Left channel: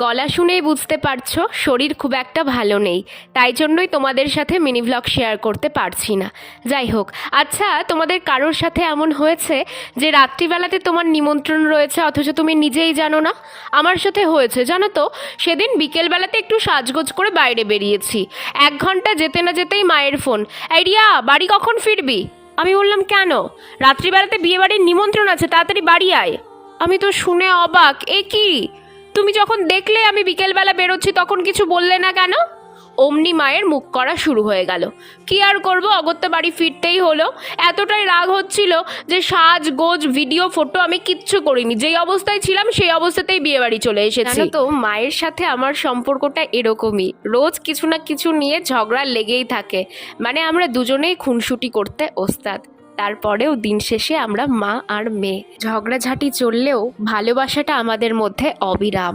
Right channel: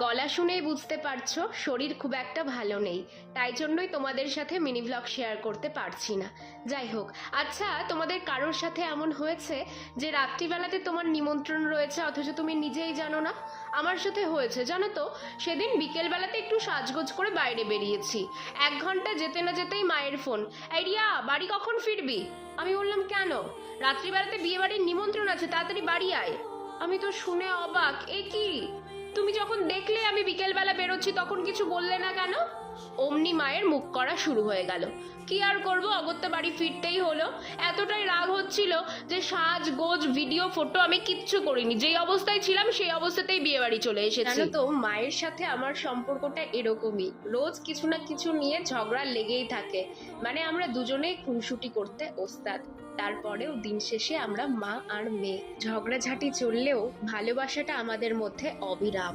গলা শুনেই বুঝতে পারছো শরীর খুব একটা ভালো নেই, তাই জন্যই তোমাদের সাথে মিনি ভ্লগ শেয়ার করতে পারছি না। যাই হোক, আচ্ছা তোমাদের কারোর সাথে এমন হয়েছে যে রাত্রিবেলাতে তোমার নিমন্ত্রণ রয়েছে অথচ তুমি নিজেই জানো না? আমার সাথে হয়েছে জানো তো। সেদিন বিকেলবেলাতে একটু সাজগোজ করে বাইরে বেরিয়েছি, 1 ঘন্টা যেতে না যেতেই মায়ের ফোন, এই রিয়া বাড়ি কখন ফিরবি? আমি বললাম কেন? রাত্রিবেলাতে বিয়েবাড়ির নিমন্ত্রণ আছে, তাড়াতাড়ি বাড়ি আয়। আমি তো শুনে অবাক, এ কি, তুমি যখন দেখলে আমি বিকেলবেলা বেরোচ্ছি তখন কিছু বললে না কেন? অমনি মায়ের মুখ করা শুরু হয়ে গেল। কি আর করবো, অগত্যা বাড়ি ফিরতেই হলো। এতটাই রাগ হচ্ছিল যে সাজ গোজ ভিডিও ফটো আমি কিচ্ছু করিনি, যেই অবস্থায় ছিলাম সেই অবস্থাতেই বিয়ে বাড়ি চলে এসেছি। জানো তো মায়ের সাথে আমার সম্পর্কটা এরকমই, রোজ কিছু না কিছু নিয়ে ঝগড়া লেগেই থাকে। মানে আমরা দুজনেই খুনসুটি করতে ওস্তাদ। তারপরেও দিন শেষে আমরা মা আর মেয়ে, ঝগড়াঝাটি চললেও ভালোবাসাটা আমাদের মধ্যে অবিরাম।